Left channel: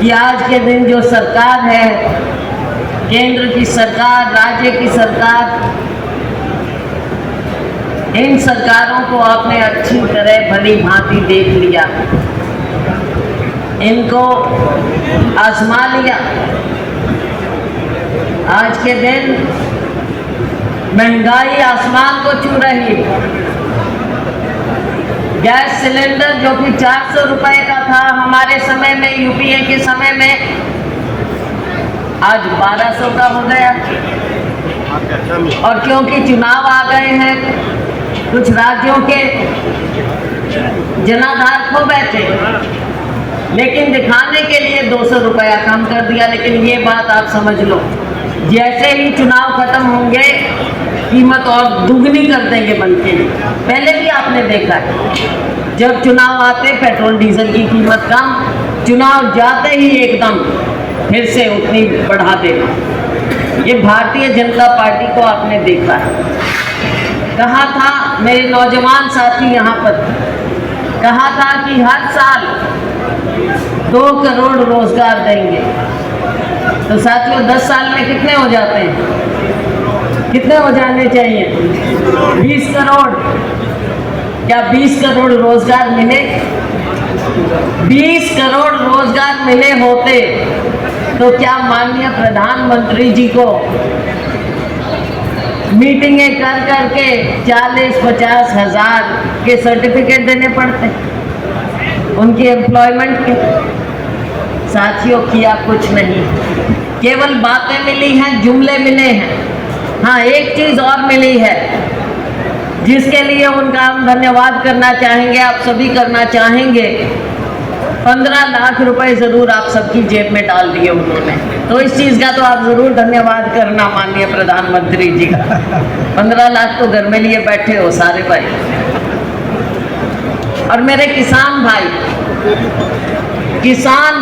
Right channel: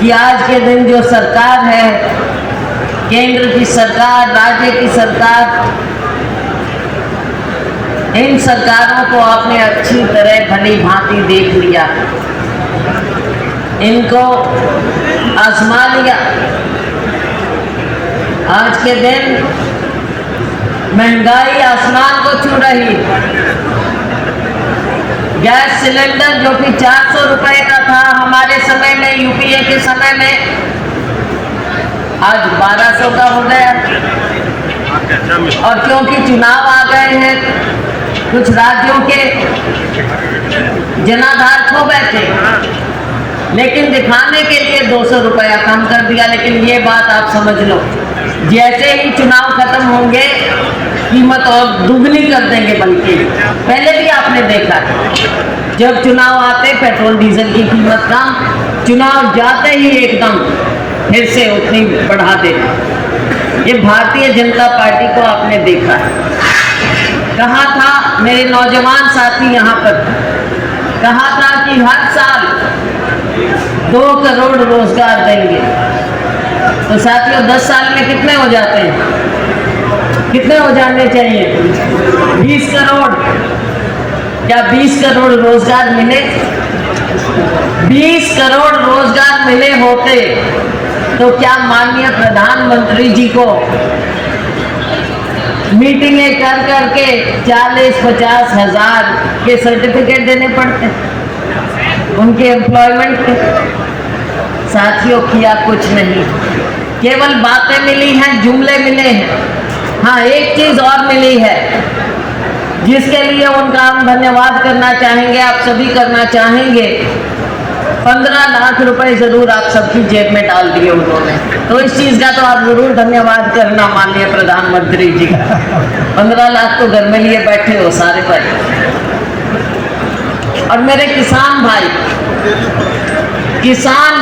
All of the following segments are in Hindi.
कि आज के दिन जो सरकार है, केंद्र की सरकार, राज्य की सरकार, इन सरकारों को आपने अच्छी तरह भली भांति देख लिया, इनको आजमा लिया। आज के दिन महंगाई आसमान को छू रही। गैस सिलेंडर जो कि 400 रुपए का था हमारे समय में, यूपीए के समय में, आज 1200 का हो गया। और क्योंकि चुनाव आ गए हैं, कुछ राज्यों के जनाधार खो बैठे, लेकिन दिखाने के लिए 200 रुपया कम कर दिया। लेकिन ये बात आप समझ लो, जैसे ही चुनाव खत्म होंगे कीमत और दुगनी कर देंगे। बल्कि पहले भी आपने देखा, जब चुनाव आते पेट्रोल डीजल की कीमत कम, चुनाव जाते ही एकदम फिर से उतनी बढ़ा देना। ये भारतीय जनता पार्टी को आपने देखा है। कहा था मेरे नौजवान साथी यहाँ पर, कहा था कि हर साल 2 करोड़ रोजगार देंगे। तो साथियों 10 साल में कितने हो जाते हैं? कितने हो जाने चाहिए? 20 करोड़। क्या 20 करोड़ रोजगार मिले? 20 करोड़ रोजगार मिले होते तो क्या माननीय प्रधानमंत्री जी को मीटिंगें कर करके 40-50 हजार के सर्टिफिकेट देने पड़ते उनके एम्प्लॉयमेंट के? साथियों किया कुछ नहीं, केवल बातें मिली हैं, जुमले मिले हैं। हाँ, एक चीज और मिली है जिसके लिए उनका हम धन्यवाद करना चाहेंगे, आप सभी करना चाहेंगे। 15 लाख रुपए जरूर आप सबकी जेब में डाल दिए उन्होंने, तो इस चीज का तो आप जरूर धन्यवाद करना माननीय प्रधानमंत्री जी का। 15 लाख तो घर में लिए बैठे हो सारे भाई। और मेरे किसान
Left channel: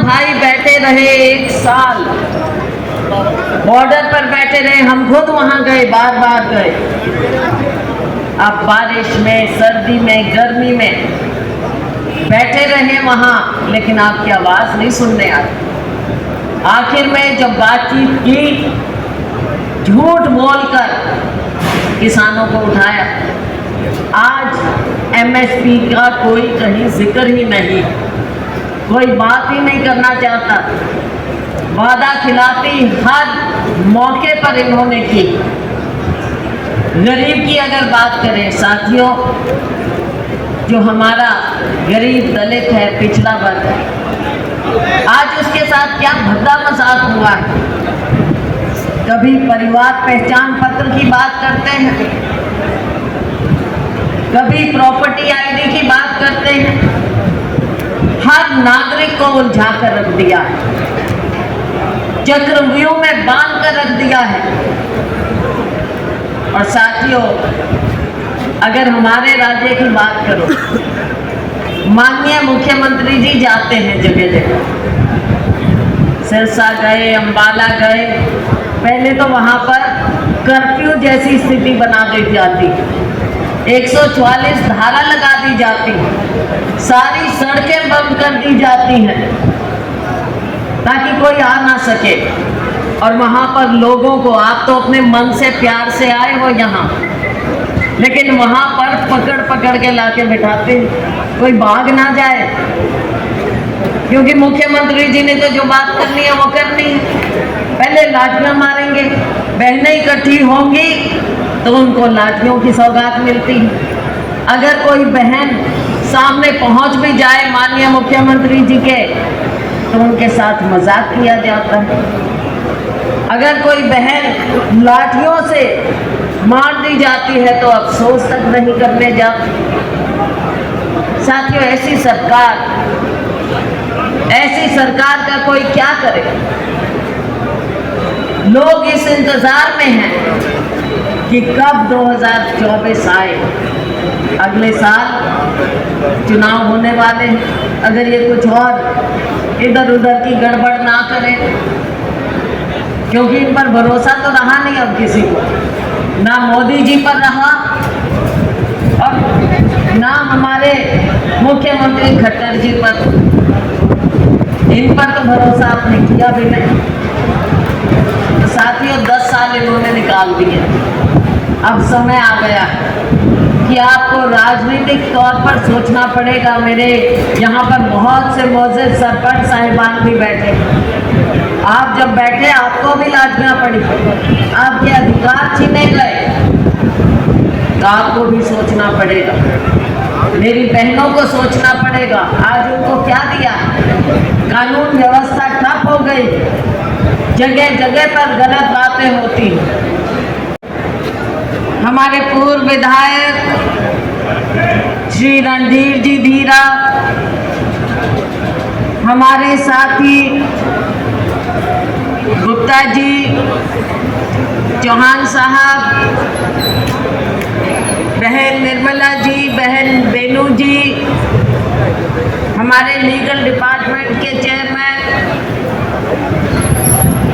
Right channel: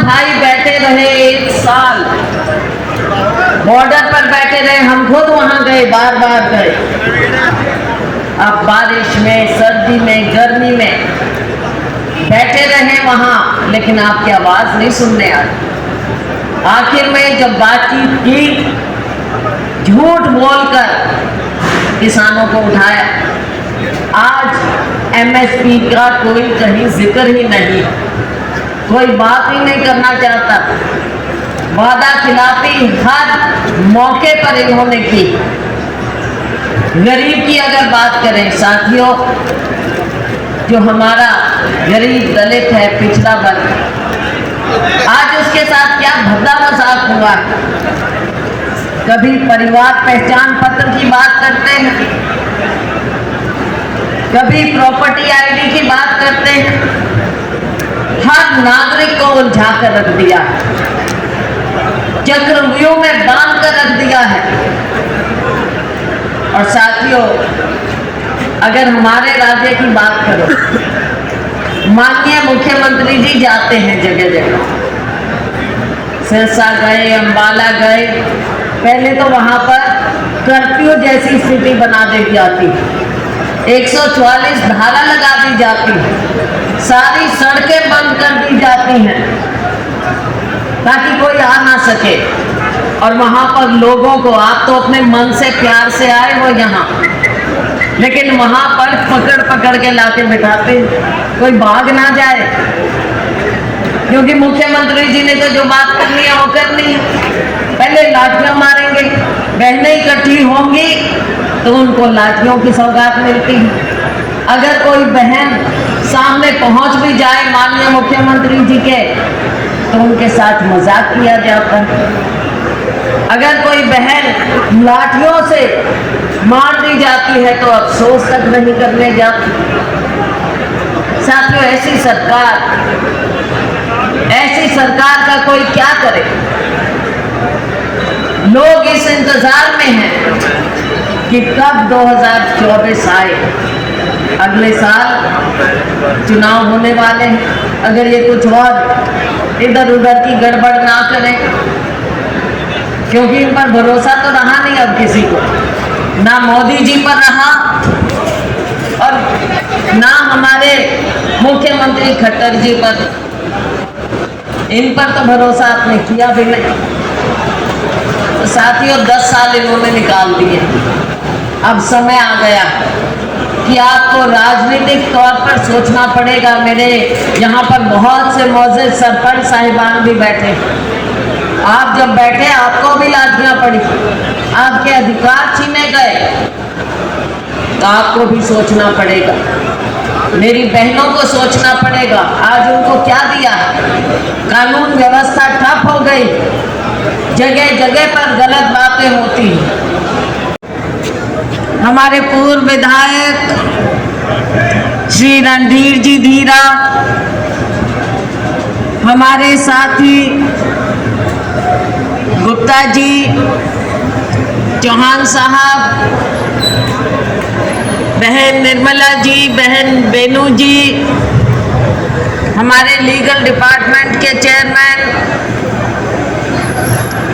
भाई बैठे रहे 1 साल, बॉर्डर पर बैठे रहे। हम खुद वहां गए, बार बार गए। अब बारिश में, सर्दी में, गर्मी में बैठे रहे वहां, लेकिन आपकी आवाज नहीं सुनने आई। आखिर में जब बातचीत की, झूठ बोलकर किसानों को उठाया। आज एमएसपी का कोई कहीं जिक्र ही नहीं, कोई बात ही नहीं करना चाहता। वादा खिलाफी हर मौके पर इन्होंने की। गरीब की अगर बात करें साथियों, जो हमारा गरीब दलित है, पिछड़ा वर्ग, आज उसके साथ क्या भद्दा मजाक हुआ है। कभी परिवार पहचान पत्र की बात करते हैं, कभी प्रॉपर्टी आईडी की बात करते हैं। हर नागरिक को उलझा कर रख दिया, चक्रव्यूह में बांध कर रख दिया है। और साथियों, अगर हमारे राज्य की बात करो, माननीय मुख्यमंत्री जी जाते हैं जगह जगह, सिरसा गए, अंबाला गए, पहले तो वहां पर कर्फ्यू जैसी स्थिति बना दी जाती, 144 धारा लगा दी जाती, सारी सड़कें बंद कर दी जाती हैं ताकि कोई आ ना सके। और वहां पर लोगों को, आप तो अपने मन से प्यार से आए हो यहाँ, लेकिन वहां पर पकड़ पकड़ के लाके बिठाते, कोई भाग ना जाए, क्योंकि मुख्यमंत्री जी ने तो जो बात करनी है वो करनी है। पहले लाठियां मारेंगे, बहनें इकट्ठी होंगी तो उनको लाठियों की सौगात मिलती है। अगर कोई बहन सामने पहुंच भी जाए माननीय मुख्यमंत्री जी के, तो उनके साथ मजाक किया जाता है। अगर कोई बहन लाठियों से मार दी जाती है तो अफसोस तक नहीं करने जाती। साथियों, ऐसी सरकार का कोई क्या करे। लोग इस इंतजार में हैं कि कब 2024 आए। अगले साल चुनाव होने वाले हैं, अगर ये कुछ और इधर उधर की गड़बड़ ना करें, क्योंकि इन पर भरोसा तो रहा नहीं अब किसी को, ना मोदी जी पर रहा और ना हमारे मुख्यमंत्री खट्टर जी पर। इन पर तो भरोसा आपने किया भी नहीं। तो साथियों 10 साल इन्होंने निकाल दिए। अब समय आ गया कि आपको राजनीतिक तौर पर सोचना पड़ेगा। मेरे यहाँ पर बहुत से मौजूद सरपंच साहिबान भी बैठे। आप जब बैठे आपको भी लाजियाँ पड़ी, आपके अधिकार छीने गए, तो आपको भी सोचना पड़ेगा। मेरी बहनों को सोचना पड़ेगा। आज उनको क्या दिया? कानून व्यवस्था ठप हो गई, जगह जगह पर गलत बातें होती। हमारे पूर्व विधायक श्री रणधीर जी धीरा, हमारे साथी गुप्ता जी, चौहान साहब, बहन निर्मला जी, बहन बेनू जी, हमारे लीगल डिपार्टमेंट के चेयरमैन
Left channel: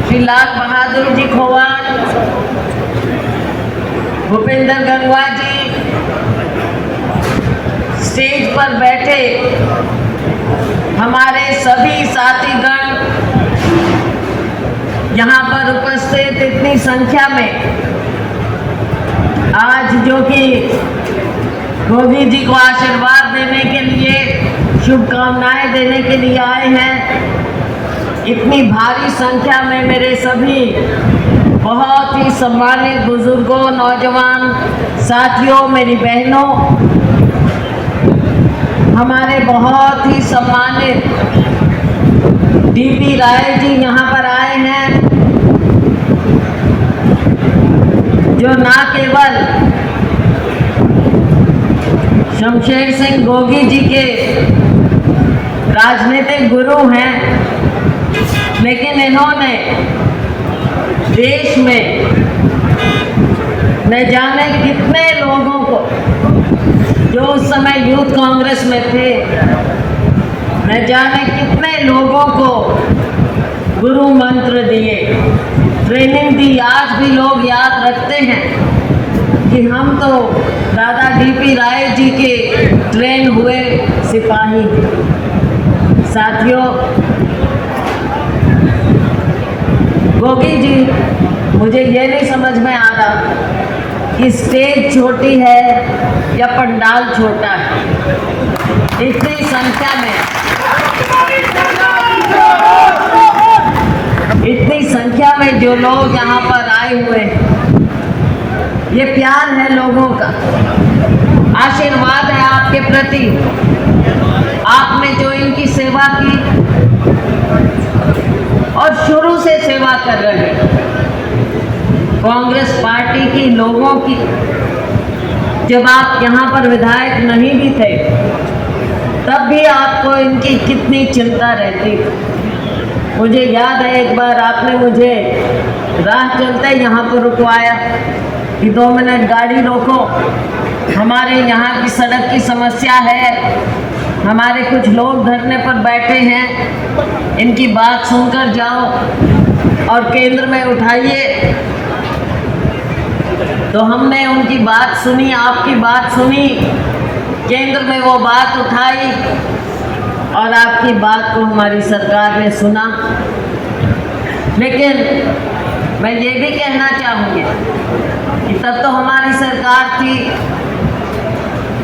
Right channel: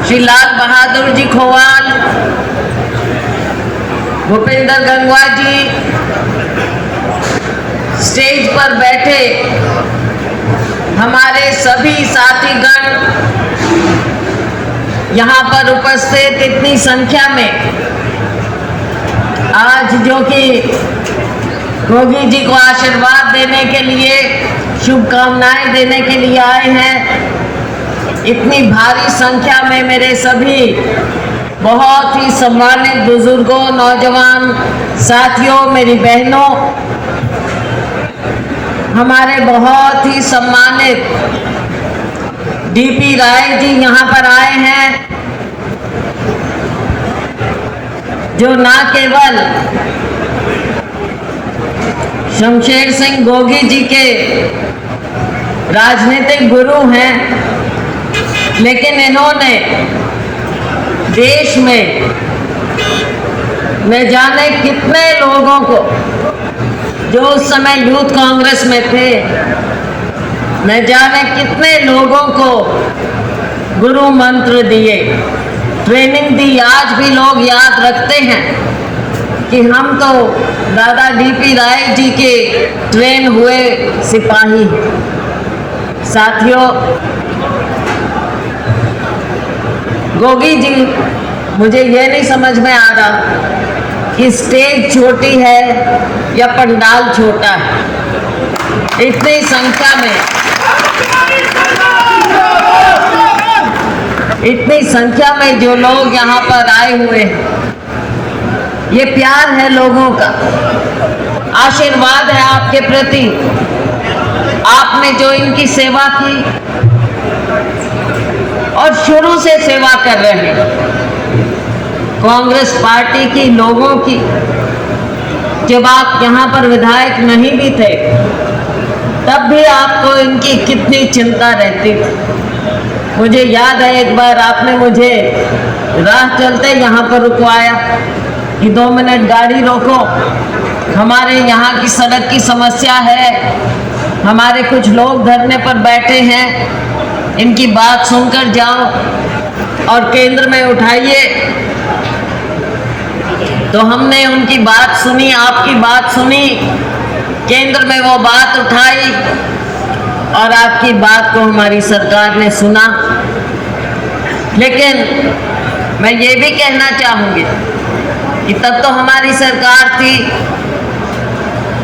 श्री लाल बहादुर जी खोवाल, भूपेंद्र गंगवा जी, स्टेज पर बैठे हमारे सभी साथीगण, यहाँ पर उपस्थित इतनी संख्या में आज जो कि गोगी जी को आशीर्वाद देने के लिए, शुभकामनाएं देने के लिए आए हैं, इतनी भारी संख्या में मेरे सभी बहुत ही सम्मानित बुजुर्गों, नौजवान साथियों, मेरी बहनों, हमारे बहुत ही सम्मानित डीपी राय जी यहाँ पर आए हैं, जो ना केवल शमशेर सिंह गोगी जी के राजनीतिक गुरु हैं, लेकिन इन्होंने देश में न जाने कितने लोगों को, जो उस समय यूथ कांग्रेस में थे, न जाने कितने लोगों को गुरु मंत्र दिए, ट्रेनिंग दी। आज भी लोग याद रखते हैं कि हम तो दादा डीपी राय जी के ट्रेन हुए सिपाही हैं। साथियों, गोगी जी, मुझे ये नहीं समझ में आ रहा कि स्टेज छोटी है या पंडाल छोटा है। इतनी संख्या में, इतनी संख्या में जो लोग यहाँ पर आए हुए हैं, ये प्यार है लोगों का, आशीर्वाद है आपके प्रति। आपने जो इनकी सेवा की और शुरू से सेवा कर रहे हैं, कांग्रेस पार्टी की, लोगों की, जब आप यहाँ पर विधायक नहीं भी थे तब भी आपको इनकी कितनी चिंता रहती थी। मुझे याद है एक बार आपने मुझे राह चलते यहाँ पर रुकवाया कि 2 मिनट गाड़ी रोको, हमारे यहाँ की सड़क की समस्या है, हमारे कुछ लोग धरने पर बैठे हैं, इनकी बात सुनकर जाओ और केंद्र में उठाइए। तो हमने उनकी बात सुनी, आपकी बात सुनी, केंद्र में वो बात उठाई और आपकी बात को हमारी सरकार ने सुना। लेकिन मैं ये भी कहना चाहूँगी कि तब तो हमारी सरकार थी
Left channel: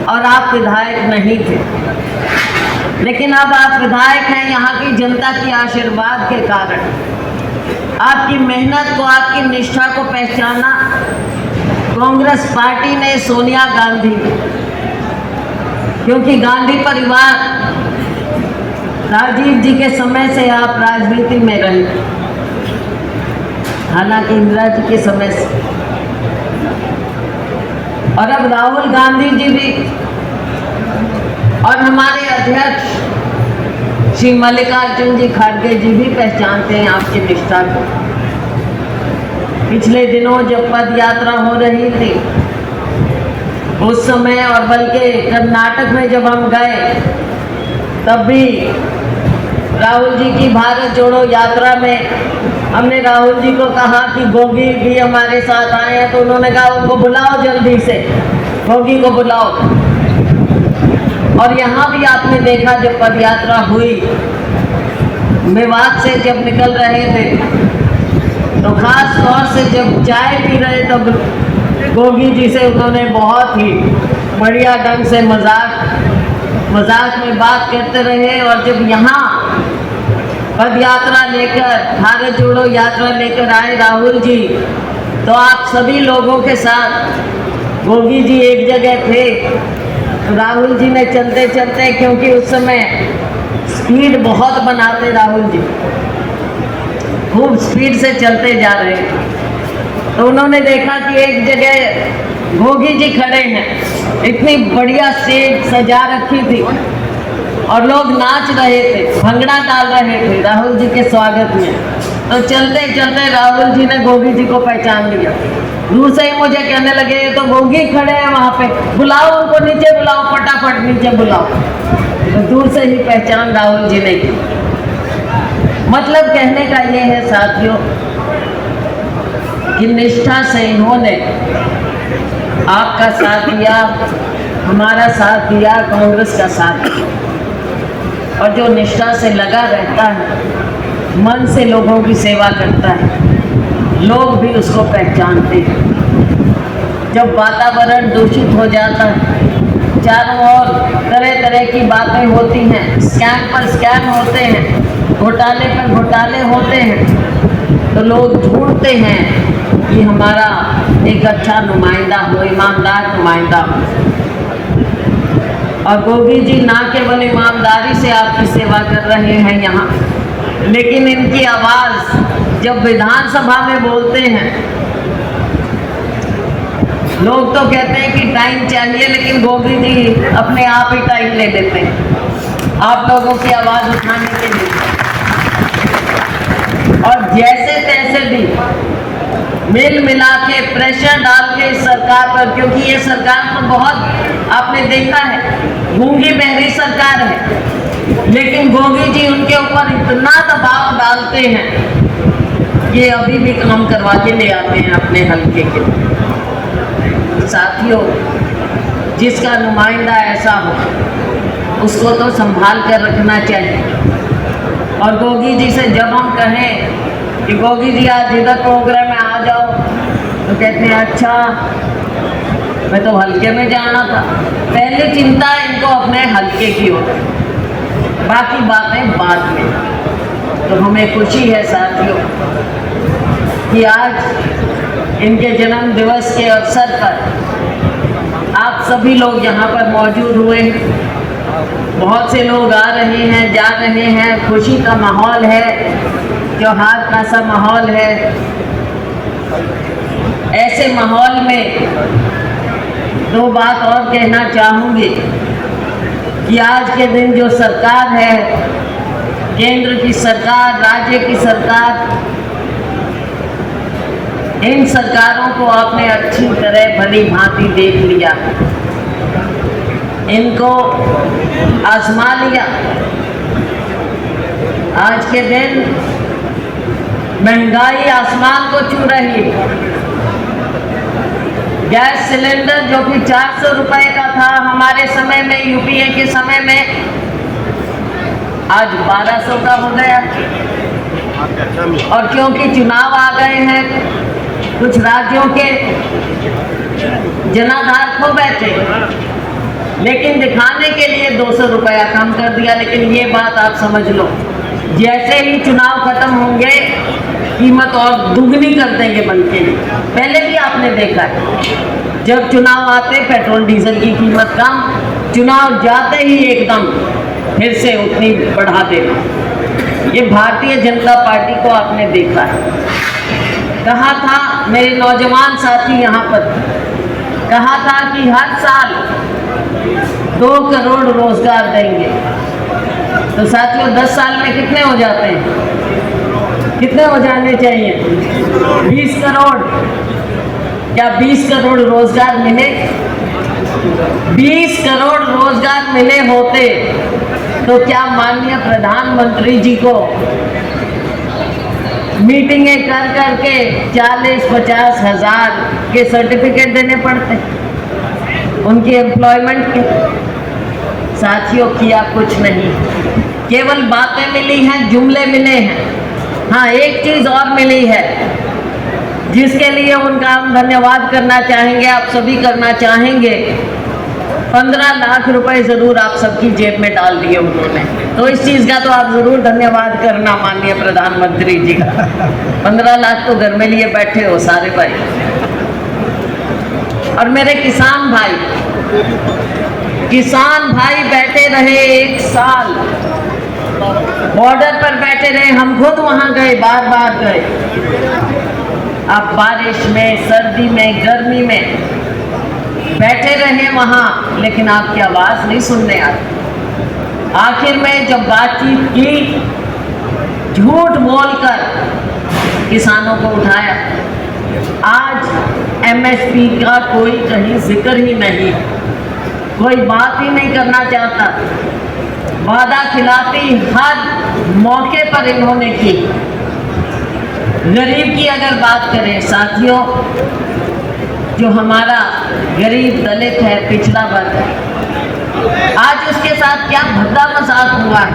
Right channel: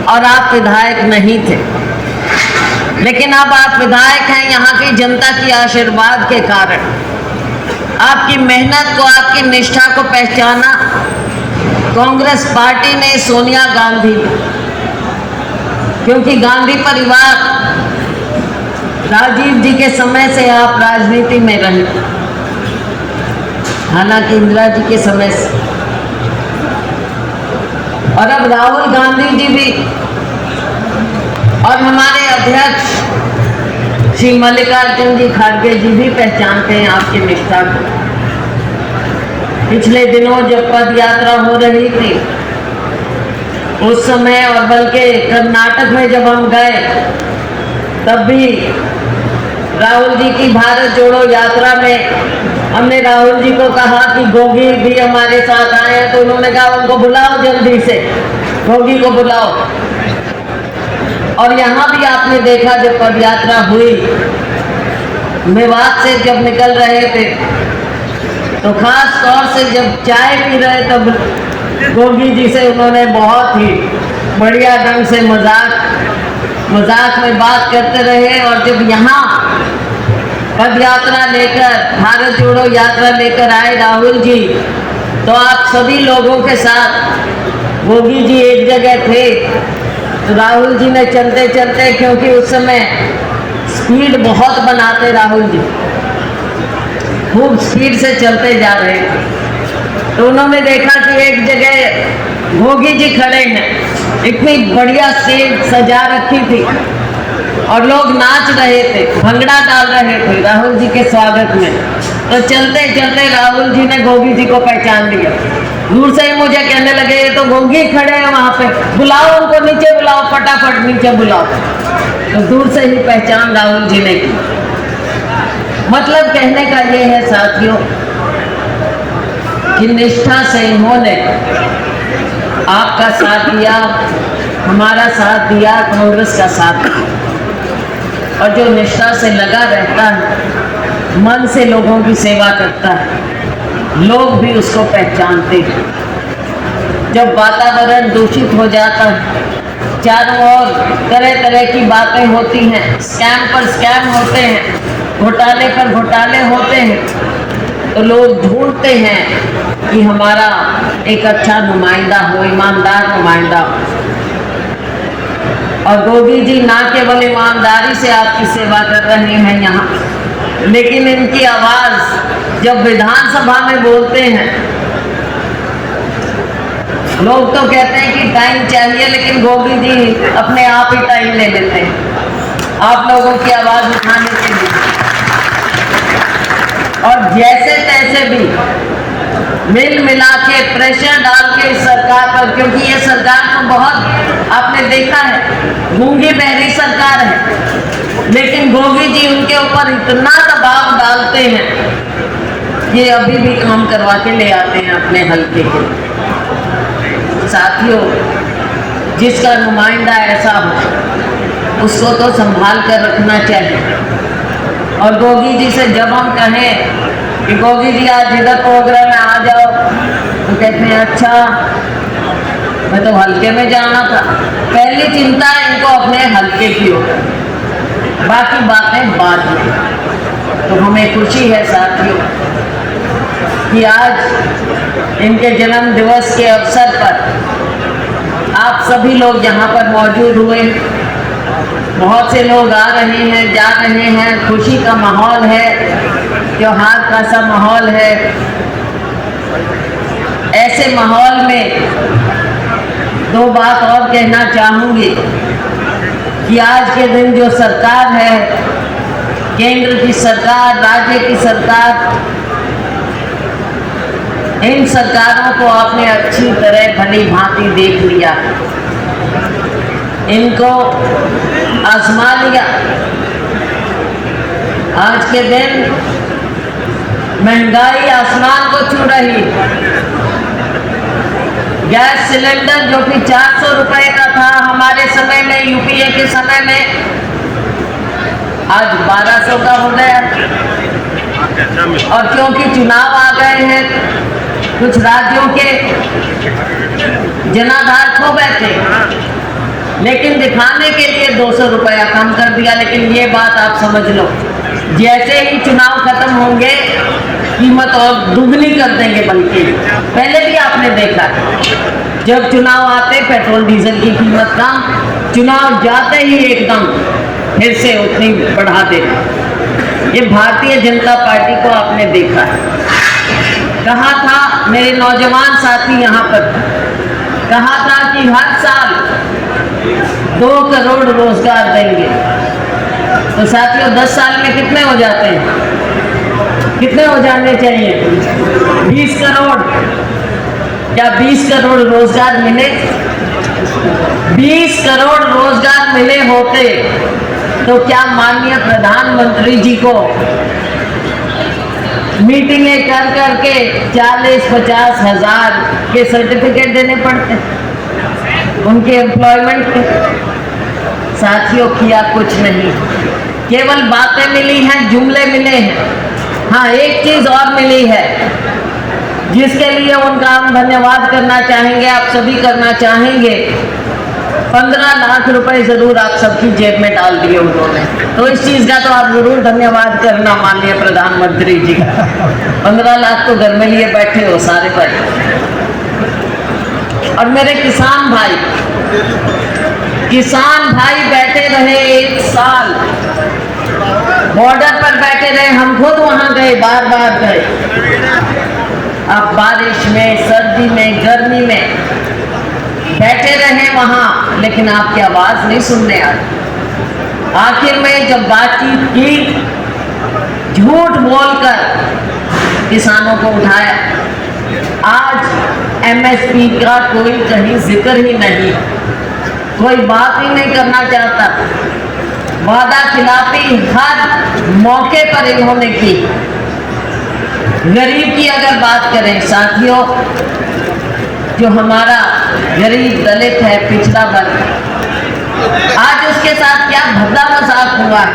और आप विधायक नहीं थे, लेकिन अब आप विधायक हैं यहाँ की जनता की आशीर्वाद के कारण। आपकी मेहनत को, आपकी निष्ठा को पहचाना कांग्रेस पार्टी ने, सोनिया गांधी ने, क्योंकि गांधी परिवार, राजीव जी के समय से आप राजनीति में रहे, हालांकि इंदिरा जी के समय से, और अब राहुल गांधी जी भी, और हमारे अध्यक्ष श्री मल्लिकार्जुन जी खड़गे जी भी पहचानते हैं आपकी निष्ठा को। पिछले दिनों जब पद यात्रा हो रही थी उस समय, और बल्कि कर्नाटक में जब हम गए तब भी राहुल जी की भारत जोड़ो यात्रा में हमने राहुल जी को कहा कि गोगी भी हमारे साथ आए हैं, तो उन्होंने कहा उनको बुलाओ, जल्दी से गोगी को बुलाओ। और यहाँ भी आपने देखा जब पद यात्रा हुई, मेवात से जब निकल रहे थे तो खास तौर से जब चाय पी रहे तब गोगी जी से उन्होंने बहुत ही बढ़िया ढंग से मजाक में बात करते रहे। और जब यहाँ पद यात्रा लेकर, भारत जोड़ो यात्रा लेकर आए राहुल जी, तो आप सभी लोगों के साथ गोगी जी एक जगह थे तो राहुल जी ने चलते चलते, क्योंकि उस समय स्पीड बहुत बनाते राहुल जी, खूब स्पीड से चलते जा रहे थे, तो उन्होंने देखा कि एक जगह गोगी जी खड़े हैं, इतनी बढ़िया स्टेज सजा रखी थी और लोग नाच रहे थे, भंगड़ा डाल रहे थे राहुल जी के स्वागत में। तो चलते चलते राहुल जी ने गोगी जी को पहचान लिया। दूर से ही मुझे कहने लगे ये तो गोगी खड़े हैं वहाँ पे, बुलाओ उनको नीचे बुलाओ, फटाफट नीचे बुलाओ। तो दूर से ही पहचान राहुल जी ने की। मतलब कहने का ये है साथियों कि निष्ठा से इन्होंने आपका साथ दिया, हमारा साथ दिया, कांग्रेस का साथ दिया। और जो निष्ठा से लगा रहता है, मन से लोगों की सेवा करता है, लोग भी उसको पहचानते हैं। जब वातावरण दूषित हो जाता है, चारों ओर तरह तरह की बातें होती हैं, स्कैम पर स्कैम होते हैं, घोटाले पर घोटाले होते हैं, तो लोग ढूंढते हैं कि हमारा एक अच्छा नुमाइंदा हो, ईमानदार नुमाइंदा हो। और गोगी जी ना केवल ईमानदारी से आपकी सेवा कर रहे हैं यहाँ, लेकिन इनकी आवाज़ जब विधानसभा में बोलते हैं, लोग तो कहते हैं कि टाइम चाहिए, लेकिन गोगी जी अपने आप ही टाइम ले लेते हैं आप लोगों की आवाज़ उठाने के लिए। और जैसे तैसे भी मिल मिला के प्रेशर डाल के इस सरकार पर, क्योंकि ये सरकार तो बहुत आपने देखा है गूंगी बहरी सरकार है, लेकिन गोगी जी उनके ऊपर इतना दबाव डालते हैं कि अभी भी काम करवा के ले आते हैं अपने हल्के के लिए। साथियों, जिसका नुमाइंदा ऐसा हो उसको तो संभाल कर रखना चाहिए। और गोगी जी से जब हम कहें कि गोगी जी आज इधर प्रोग्राम में आ जाओ, तो कहते हैं अच्छा मैं तो हल्के में जाना था। पहली चिंता इनको अपने हल्के की हो, बाकी बातें बाद में। तो हमें खुशी है साथियों कि आज इनके जन्म दिवस के अवसर पर आप सभी लोग यहाँ पर मौजूद हुए। बहुत से लोग आ रहे हैं, जा रहे हैं, खुशी का माहौल है, त्योहार का सा माहौल है। ऐसे माहौल में दो बात और कहना चाहूँगी कि आज के दिन जो सरकार है, केंद्र की सरकार, राज्य की सरकार, इन सरकारों को आपने अच्छी तरह भली भांति देख लिया, इनको आजमा लिया। आज के दिन महंगाई आसमान को छू रही। गैस सिलेंडर जो कि 400 रुपए का था हमारे समय में, यूपीए के समय में, आज 1200 का हो गया। और क्योंकि चुनाव आ गए हैं, कुछ राज्यों के जनाधार खो बैठे, लेकिन दिखाने के लिए 200 रुपया कम कर दिया। लेकिन ये बात आप समझ लो, जैसे ही चुनाव खत्म होंगे कीमत और दुगनी कर देंगे। बल्कि पहले भी आपने देखा, जब चुनाव आते पेट्रोल डीजल की कीमत कम, चुनाव जाते ही एकदम फिर से उतनी बढ़ा देगा। ये भारतीय जनता पार्टी को आपने देखा है। कहा था मेरे नौजवान साथी यहाँ पर, कहा था कि हर साल 2 करोड़ रोजगार देंगे। तो साथियों 10 साल में कितने हो जाते हैं? कितने हो जाने चाहिए? 20 करोड़। क्या 20 करोड़ रोजगार मिले? 20 करोड़ रोजगार मिले होते तो क्या माननीय प्रधानमंत्री जी को मीटिंगें कर करके 40-50 हजार के सर्टिफिकेट देने पड़ते उनके एम्प्लॉयमेंट के? साथियों किया कुछ नहीं। केवल बातें मिली हैं, जुमले मिले हैं। हाँ, एक चीज और मिली है जिसके लिए उनका हम धन्यवाद करना चाहेंगे, आप सभी करना चाहेंगे। 15 लाख रुपए जरूर आप सबकी जेब में डाल दिए उन्होंने, तो इस चीज का तो आप जरूर धन्यवाद करना माननीय प्रधानमंत्री जी का। 15 लाख तो घर में लिए बैठे हो सारे भाई। और मेरे किसान भाई बैठे रहे 1 साल, बॉर्डर पर बैठे रहे, हम खुद वहां गए, बार बार गए। अब बारिश में, सर्दी में, गर्मी में बैठे रहे वहां, लेकिन आपकी आवाज नहीं सुनने आई। आखिर में जब बातचीत की, झूठ बोलकर किसानों को उठाया। आज एमएसपी का कोई कहीं जिक्र ही नहीं, कोई बात ही नहीं करना चाहता। वादा खिलाफी हर मौके पर इन्होंने की। गरीब की अगर बात करें साथियों, जो हमारा गरीब दलित है, पिछड़ा वर्ग, आज उसके साथ क्या भद्दा मजाक हुआ है।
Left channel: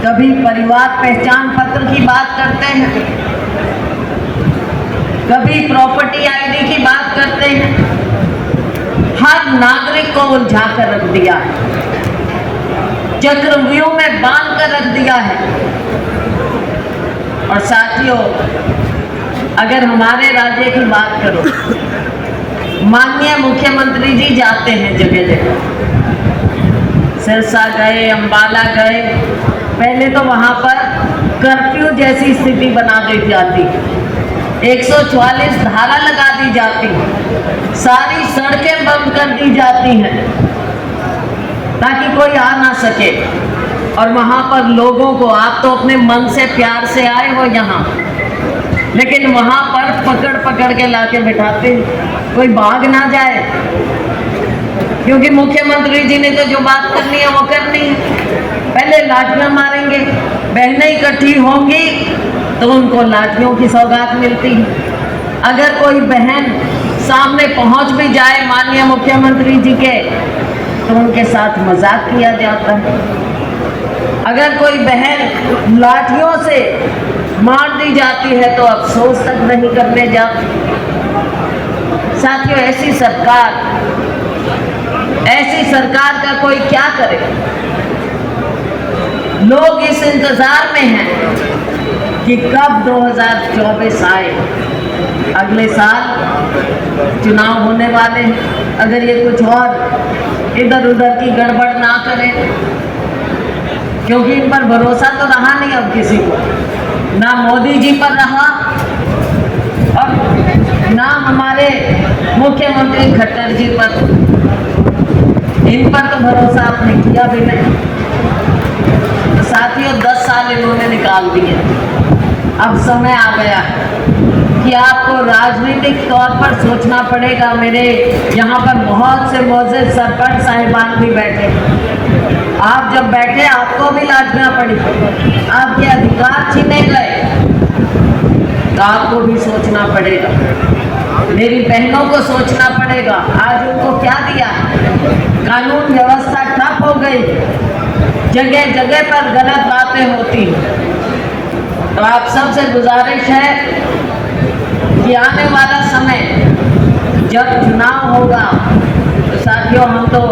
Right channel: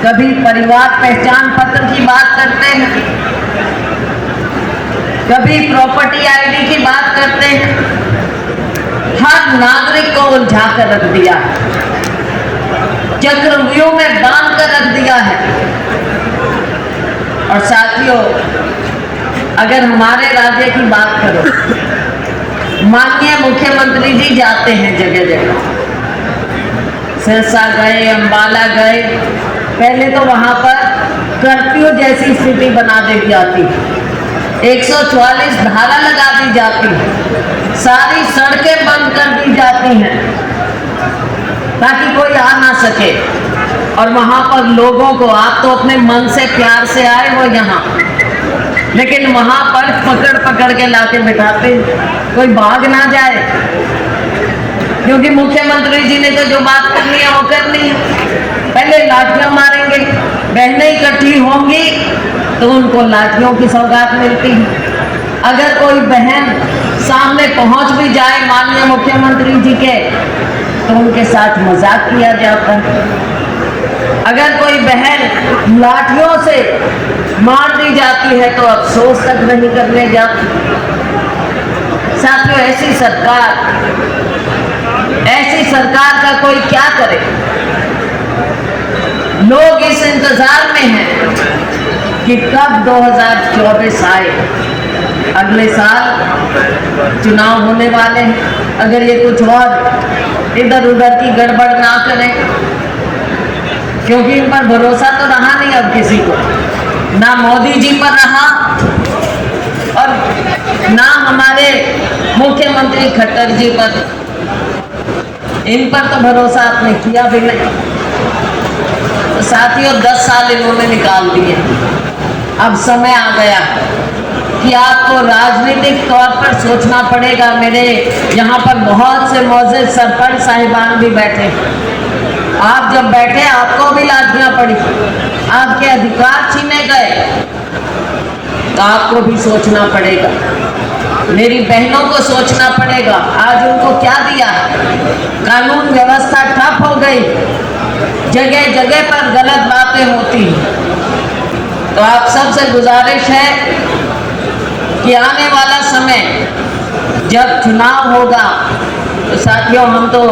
कभी परिवार पहचान पत्र की बात करते हैं, कभी प्रॉपर्टी आईडी की बात करते हैं। हर नागरिक को उलझा कर रख दिया, चक्रव्यूह में बांध कर रख दिया है। और साथियों, अगर हमारे राज्य की बात करो, माननीय मुख्यमंत्री जी जाते हैं जगह जगह, सिरसा गए, अंबाला गए, पहले तो वहां पर कर्फ्यू जैसी स्थिति बना दी जाती, 144 धारा लगा दी जाती, सारी सड़कें बंद कर दी जाती हैं ताकि कोई आ ना सके। और वहां पर लोगों को, आप तो अपने मन से प्यार से आए हो यहाँ, लेकिन वहां पर पकड़ पकड़ के लाके बिठाते, कोई भाग ना जाए, क्योंकि मुख्यमंत्री जी ने तो जो बात करनी है वो करनी है। पहले लाठियां मारेंगे, बहनें इकट्ठी होंगी तो उनको लाठियों की सौगात मिलती है। अगर कोई बहन सामने पहुंच भी जाए माननीय मुख्यमंत्री जी के, तो उनके साथ मजाक किया जाता है। अगर कोई बहन लाठियों से मार दी जाती है तो अफसोस तक नहीं करने जाती। साथियों, ऐसी सरकार का कोई क्या करे। लोग इस इंतजार में हैं कि कब 2024 आए। अगले साल चुनाव होने वाले हैं, अगर ये कुछ और इधर उधर की गड़बड़ ना करें, क्योंकि इन पर भरोसा तो रहा नहीं अब किसी को, ना मोदी जी पर रहा और ना हमारे मुख्यमंत्री खट्टर जी पर। इन पर तो भरोसा आपने किया भी नहीं। तो साथियों, 10 साल इन्होंने निकाल दिए। अब समय आ गया कि आपको राजनीतिक तौर पर सोचना पड़ेगा। मेरे यहाँ पर बहुत से मौजूद सरपंच साहिबान भी बैठे, आप जब बैठे आपको भी लाठियां पड़ी, आपके अधिकार छीने गए, तो आपको भी सोचना पड़ेगा। मेरी बहनों को सोचना पड़ेगा। आज उनको क्या दिया, कानून व्यवस्था ठप हो गई, जगह जगह पर गलत बातें होती। तो आप सबसे गुजारिश है कि आने वाला समय जब चुनाव होगा, तो साथियों, हम तो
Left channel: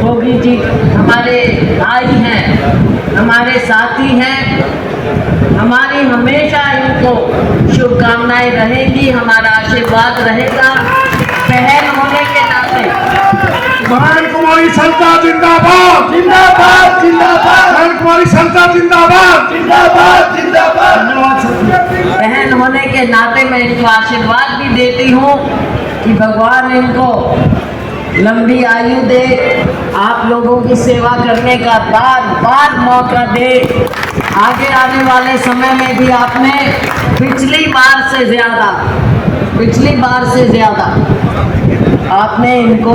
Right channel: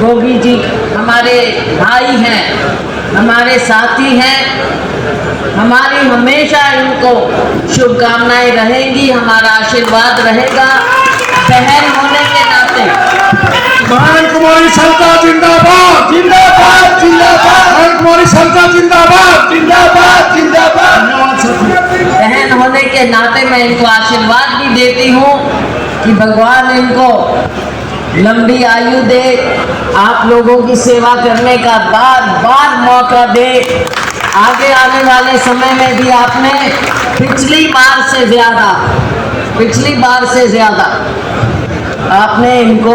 योगी जी हमारे भाई हैं, हमारे साथी हैं, हमारी हमेशा इनको शुभकामनाएं रहेंगी, हमारा आशीर्वाद रहेगा। बहन होने के नाते बहन कुमारी सरिता जिंदाबाद, जिंदाबाद, जिंदाबाद। बहन कुमारी सरिता जिंदाबाद, जिंदाबाद, जिंदाबाद। बहन होने के नाते मैं इनको आशीर्वाद भी देती हूँ कि भगवान इनको लंबी आयु दे, आप लोगों की सेवा करने का बार बार मौका दे। आगे आने वाले समय में भी आपने पिछली बार से ज्यादा आपने इनको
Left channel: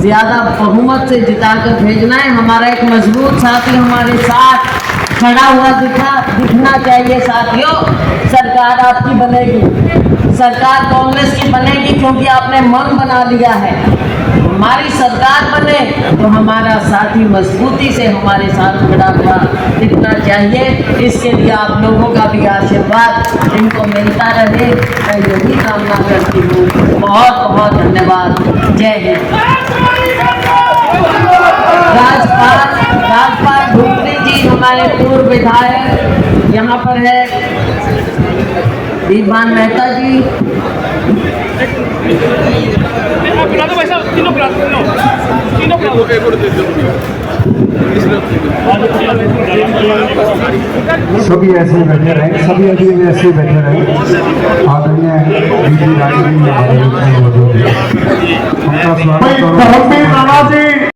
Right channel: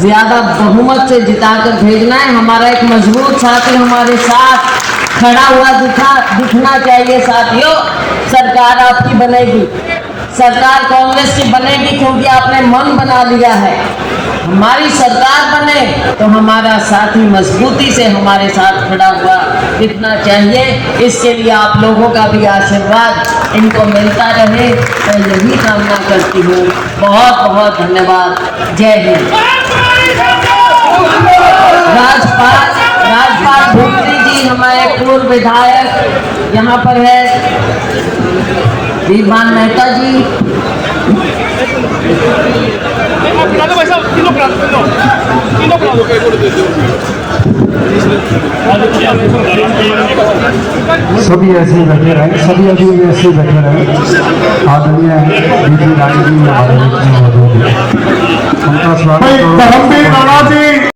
ज्यादा बहुमत से जिताकर भेजना है। हमारा एक मजबूत साथी हमारे साथ खड़ा हुआ दिखना चाहिए। साथियों, सरकार आपकी बनेगी, सरकार कांग्रेस की बनेगी, क्योंकि आपने मन बना लिया है। हमारी सरकार बने तो हमारा साथी मजबूती से हमारे साथ खड़ा हुआ दिखना चाहिए। इसके लिए आप लोगों का भी आशीर्वाद इनको मिलता रहे, मैं यही कामना करती हूँ। बहुत बहुत धन्यवाद। जय हिंद। राजपाल भूपरी जी हमारे पूर्व विधायक यहाँ पर है। दीवान मेहता जी, सभी ऐसे ही बैठे रहे, सभी अभी भी ऐसे ही बैठे रहे। आदरणीय डीजी राजू जी, उनका स्वागत।